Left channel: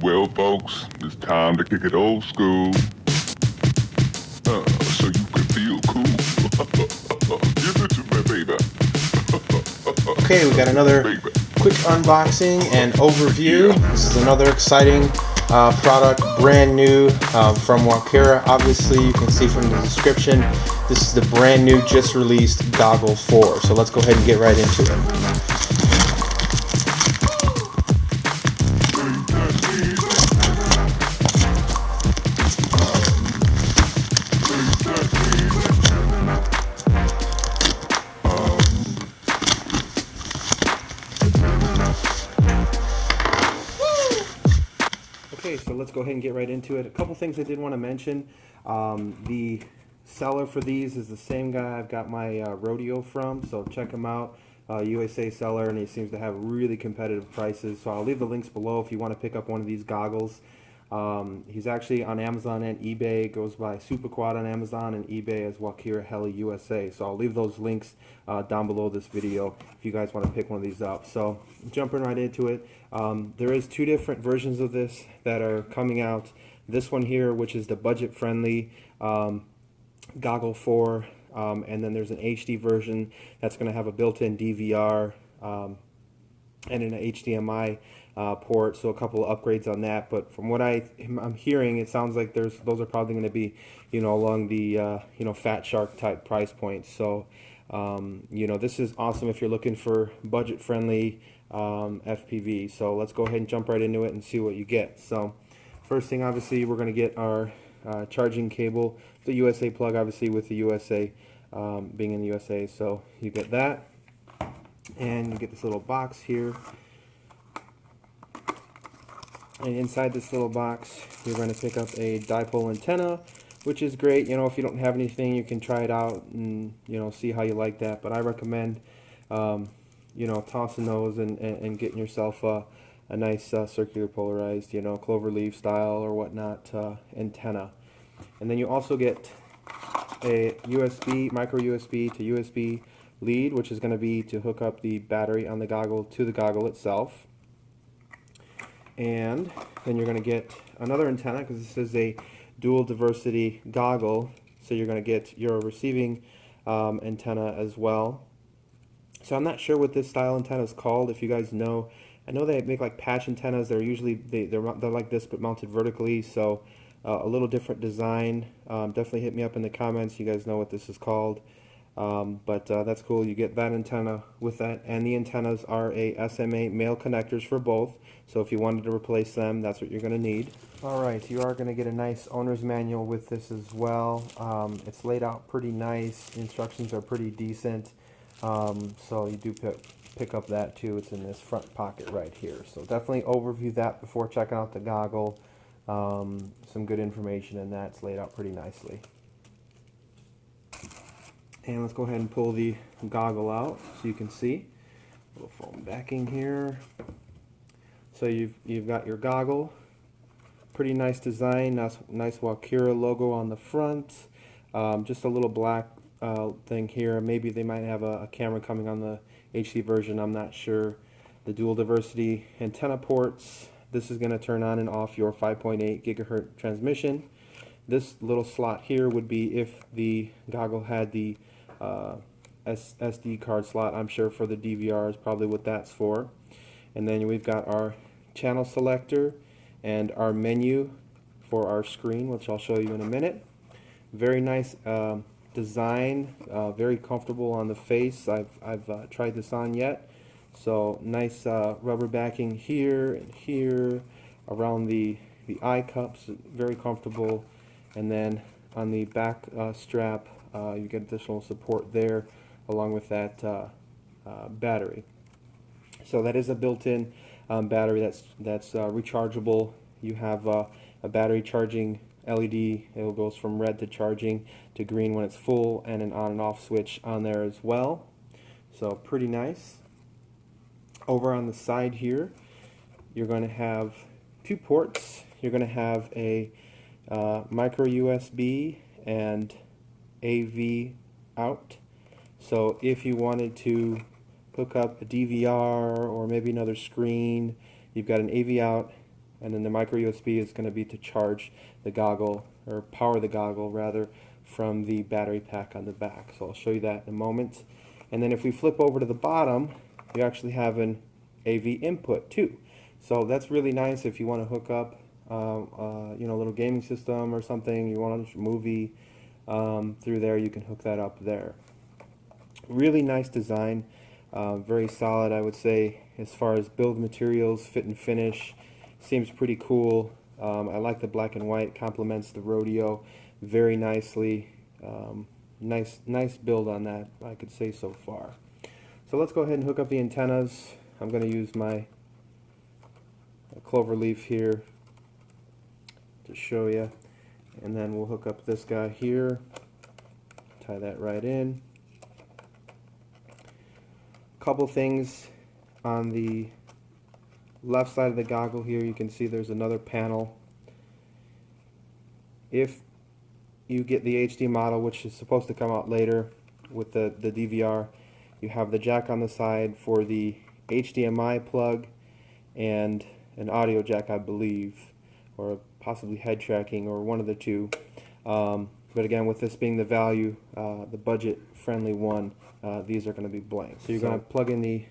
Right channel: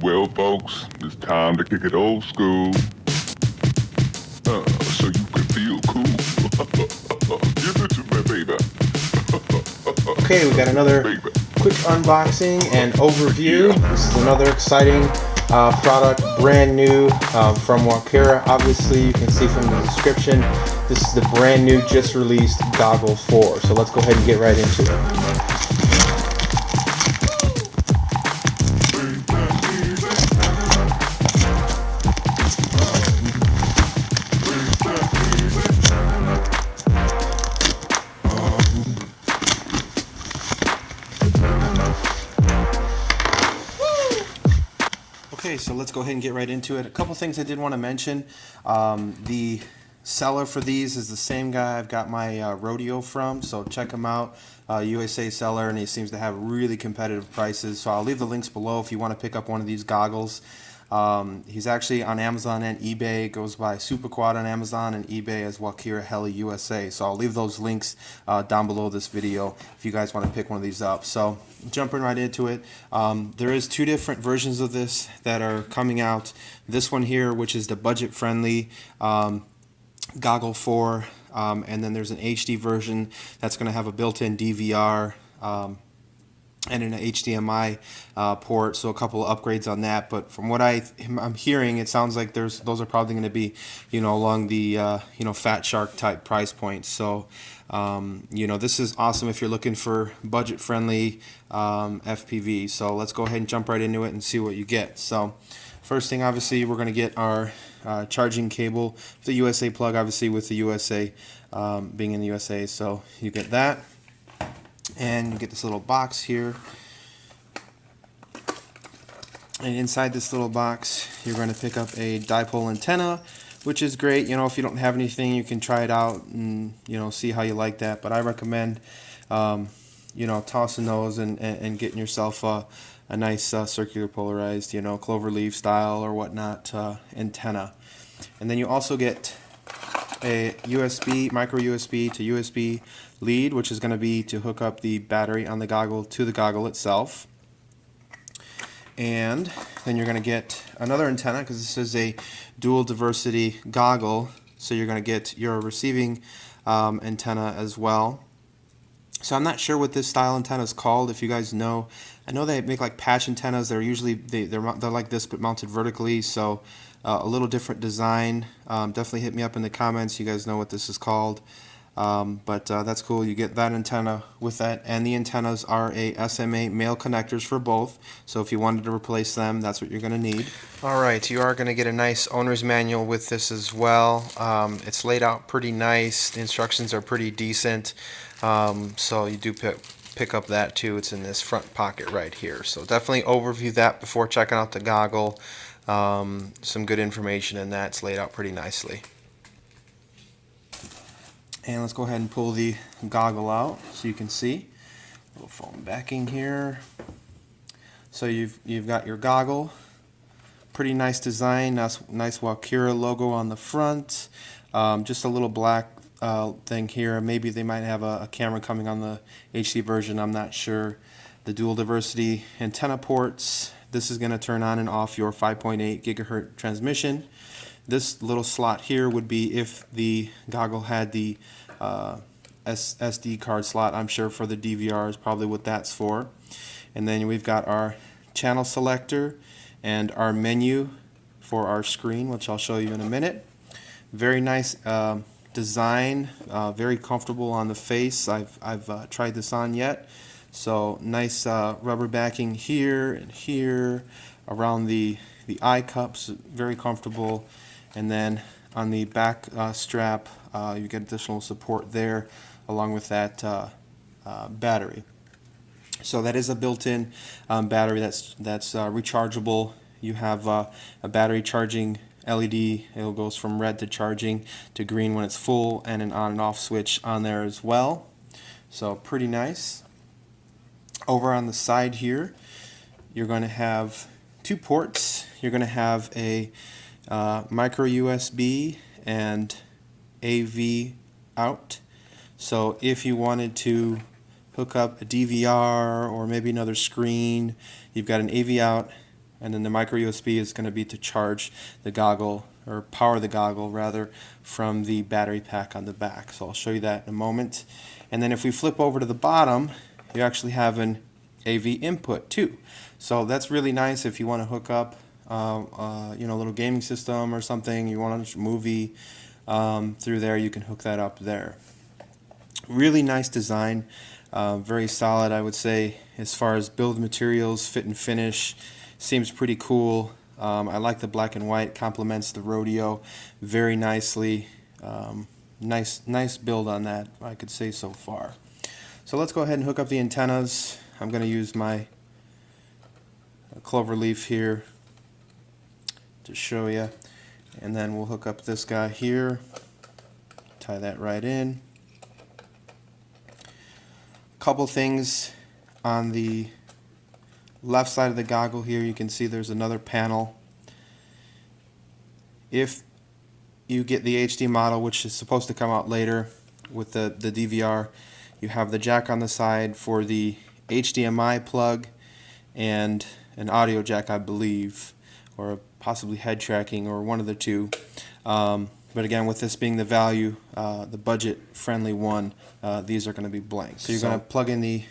Well, folks, it's time to kick it old school. So you can feel cool. Give it to me, baby. Okay, we got another Baby. quick unboxing and overview. This is another exciting product, brand new from Walkera. Obviously, you can see from the description, this is the brand new, just released Goggle 4. So let's go ahead and get right into it. Okay, so let's go ahead and get right into it. A couple things I did want to mention. The seller for these is the same guy I've got my Rodeo from, so check him out. USA seller, and he seems to have really competitive prices. So I'll leave the links below if you want to pick up one of these goggles. He's actually on Amazon and eBay. Goes by Superquad on Amazon and eBay as Walkera Heli USA. So I'll leave those links down below this video if you guys want to pick one of these up. So jumping right into it, there is two different versions of this that are coming out. This one here, which is the budget-friendly Goggle 4, and then there's an HD version that's going to have a built-in DVR. And an HDMI port, so a couple of upgrades on that. But from what I'm hearing, it sounds like those are probably going to be, along the Fat Shark type price points. So, this is awesome if you're looking for budget-friendly FPV. So let's go ahead and jump right into it and see what you get. So, first thing, obviously, we're going to get our charging cable, the USA plug, obviously with the USA being in the USA. So you get that. And you get this little box here, and inside this little box you're going to pick up a dipole antenna, which is great. If you don't have anything, you can try it out and see how you like that. But I recommend tossing those and getting yourself a nice circular polarized cloverleaf style or whatnot antenna. And then you also get a USB, micro USB to USB lead, which is going to be to hook up the battery on the goggle to the goggle itself. And then you're going to get another antenna, because this is a dual diversity goggle, so you're going to get your receiving antenna as well. So I'm not sure what this style antenna is called. If you guys know, I know they make like patch antennas. They're usually they're like this but mounted vertically, so a little different design. Definitely hit me up in the comments. You guys know what this is called. But that's cool. You get that antenna with that, and the antennas are a SMA male connectors for both. So if you wanted to replace them, that's what you're going to need. Alright, you are going to get a nice owner's manual with this as well. It's laid out pretty nice. The instructions are pretty decent. So you do pick up that too. It's in this front pocket right here. So definitely overview that before checking out the goggle. Some good information in that. It's laid out pretty nicely. And let's go ahead and pull the goggle out so you can see. A little foam backing here. So you've got your goggle. Pretty nice design. Nice Walkera logo on the front. Just a little black thing here. Maybe they might have a camera coming on the HD version. I'm not sure. The dual diversity antenna ports. This is going to turn on and off your 5.8 gigahertz transmission. This little slot here would be if the goggle had the SD card slot. I'm sure for the DVR is probably what that's for. And then we've got our channel selector and our menu for our screen, which I'll show you in a minute. Very nice design, very comfortable on the face. I've tried this on yet. So nice rubber backing here and here around the eye cups, very comfortable. And then on the back strap, you get additional support there along with that battery. So that is a built-in battery that's rechargeable. You have a battery charging LED. It goes from red to charging to green when it's full, and an on and off switch on there as well. So pretty nice. Over on the side here, you're going to have two ports. You're going to have a micro USB and AV out. So if you wanted to hook up a DVR or maybe another screen, you've got an AV out and then the micro USB is going to be to charge the goggle, or power the goggle rather, from the battery pack on the back. So I'll show you that in a moment. And then if we flip over to the bottom, you actually have an AV input too. So that's really nice if you want to hook up you know, a little gaming system or something, you want to watch a movie through there, you can hook that up there. Really nice design, very solid, I would say, as far as build materials, fit and finish. Seems pretty cool. I like the black and white, complements the Rodeo very nicely. Nice build on that, I could say so far. So let's go ahead and hook up the antennas. I'm going to use my clover leaf here to show you, and then we'll hook up this guy here, tie that right in. Couple things on the left side of the goggle here, you can see there's another panel. If you get the HD model, which is supposed to come out later with the DVR, you have the jack on the side for the HDMI plug and an audio jack, I believe, or possibly head tracking, or one of the two. But again, with this being the value, the budget-friendly one, these are going to be blank. So you're going to plug in you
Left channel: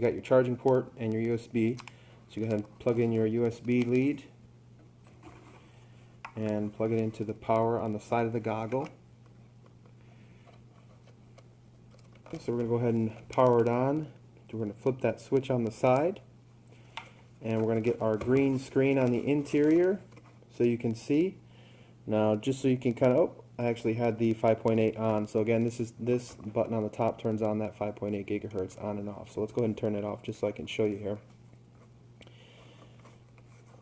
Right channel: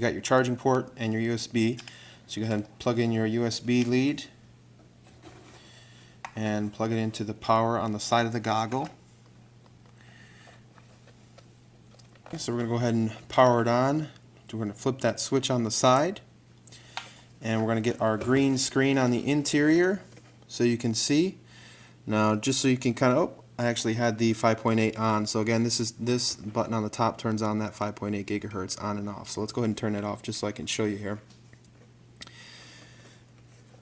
got your charging port and your USB. So you go ahead and plug in your USB lead and plug it into the power on the side of the goggle. Okay, so we're going to go ahead and power it on. We're going to flip that switch on the side, and we're going to get our green screen on the interior so you can see. Now, just so you can kind of, oh, I actually had the 5.8 on. So again, this button on the top turns on that 5.8 gigahertz on and off. So let's go ahead and turn it off just so I can show you here.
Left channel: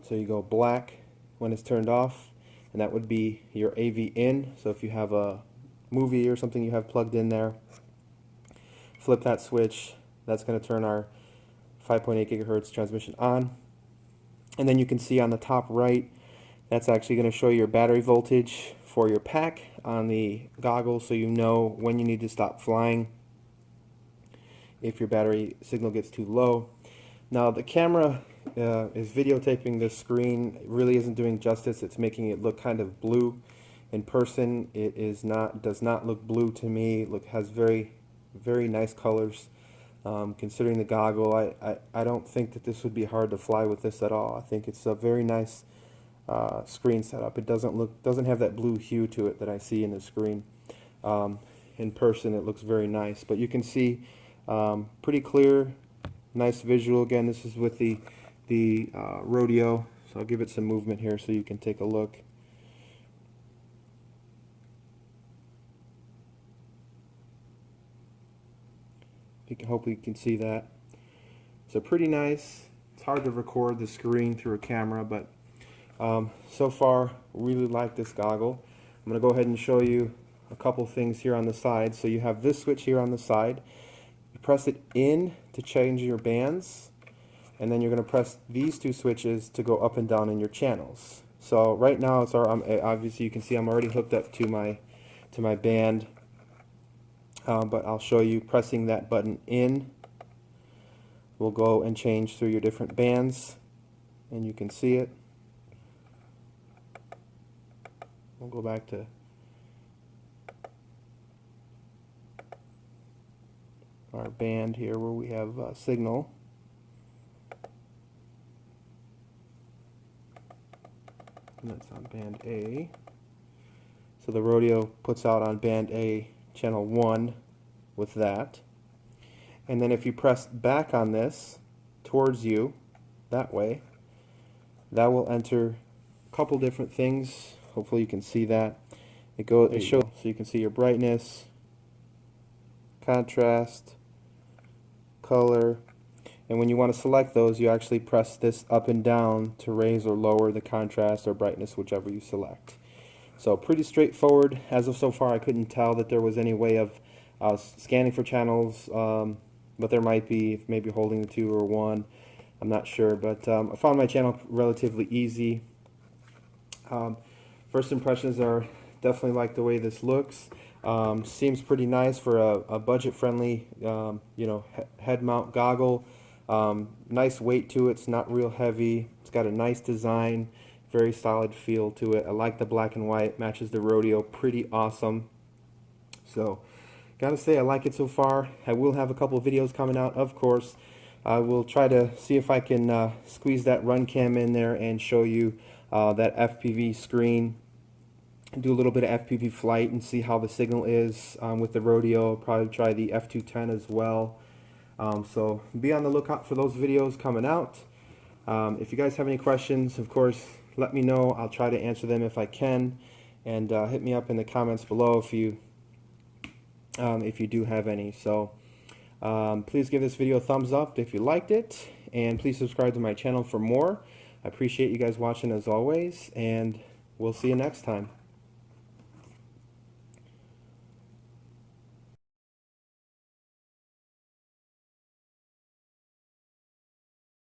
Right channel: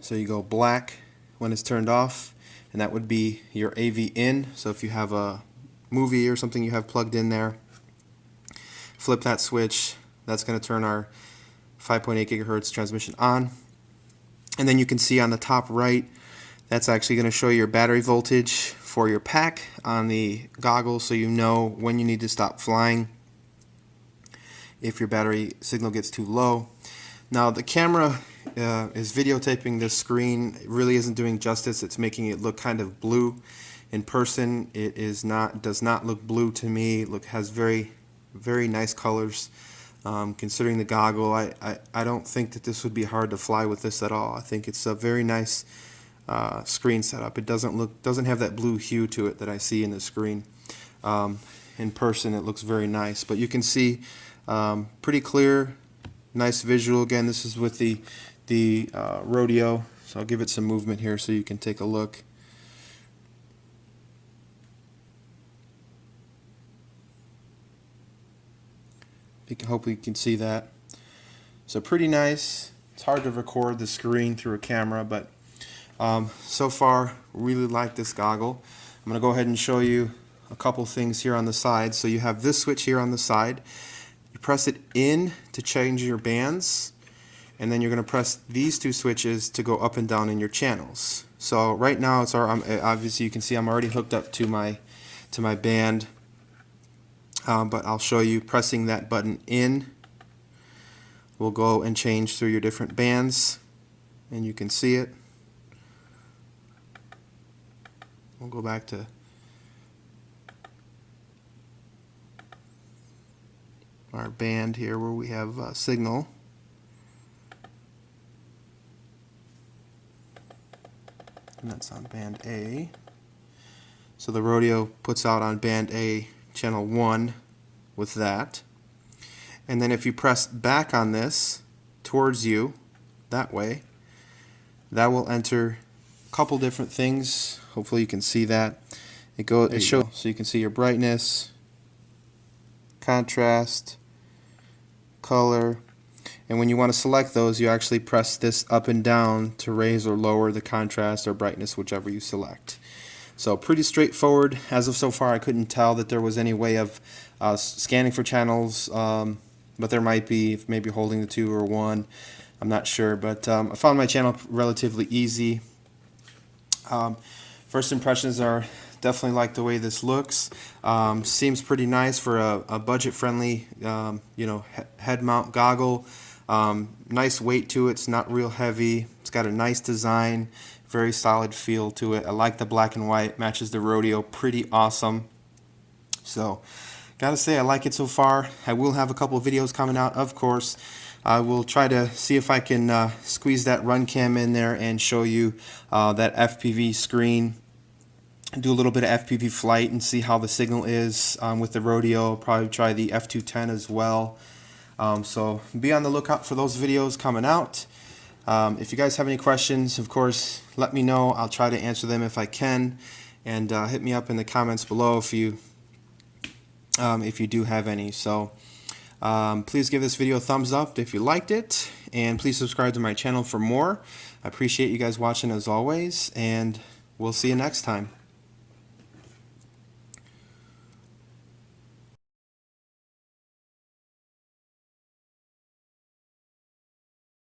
So you go black when it's turned off, and that would be your AV in. So if you have a movie or something you have plugged in there, flip that switch. That's going to turn our 5.8 gigahertz transmission on. And then you can see on the top right, that's actually going to show your battery voltage for your pack on the goggle, so you know when you need to stop flying if your battery signal gets too low. Now the camera is videotaping this screen. It really isn't doing justice. It's making it look kind of blue. In person, it is not, does not look blue to me. Has very nice colors. Considering the goggle, I don't think that this would be hard to fly with this at all. I think it's a very nice screen setup. It doesn't have that blue hue to it that I see in the screen. In person, it looks very nice, but you can see pretty clear, nice visual. Again, this is with the Rodeo, so I'll give it some movement here so you can take a look. Hopefully you can see that. So pretty nice. It's hard to record the screen through a camera, but so far really like this goggle. I'm going to go ahead and show you a couple things here on the side. So you have this switch here on the side. You press it in to change your bands, and then you're going to press these two switches to go up and down in your channels. So right now it's obviously you can see I'm already hooked up to my band. But I'll show you pressing that button in will go and change through your different bands, and you can see it. We'll go back to our band here where we have signal. And that's on band A. So the Rodeo puts out on band A channel 1 with that, and then if you press back on this towards you that way, that will enter a couple different things. Hopefully you can see that. It shows, so you can see your brightness, contrast, color, and when you want to select those, you actually press this up and down to raise or lower the contrast or brightness, whichever you select. So pretty straightforward. As of so far, I couldn't tell that there was any way of scanning for channels, but there might be, if maybe holding the 2 or 1. I'm not sure, but I found my channel relatively easy. First impressions are definitely like the way this looks. Seems pretty nice for a budget-friendly, head mount goggle. Nice weight to it. It's not real heavy. It's got a nice design, very solid feel to it. I like the black and white. Matches the Rodeo pretty awesome. So gotta say I like it so far. I will have a couple of videos coming out, of course. I will try to see if I can squeeze that run cam in there and show you that FPV screen. Do a little bit of FPV flight and see how the signal is with the Rodeo. Probably try the F210 as well. So be on the lookout for those videos coming out. If you guys have any questions, of course, let me know. I'll try to answer them if I can. And hit me up in the comments below if you do have any. So please give this video a thumbs up if you liked it, and please subscribe to my channel for more. I appreciate you guys watching as always, and we'll see you next time.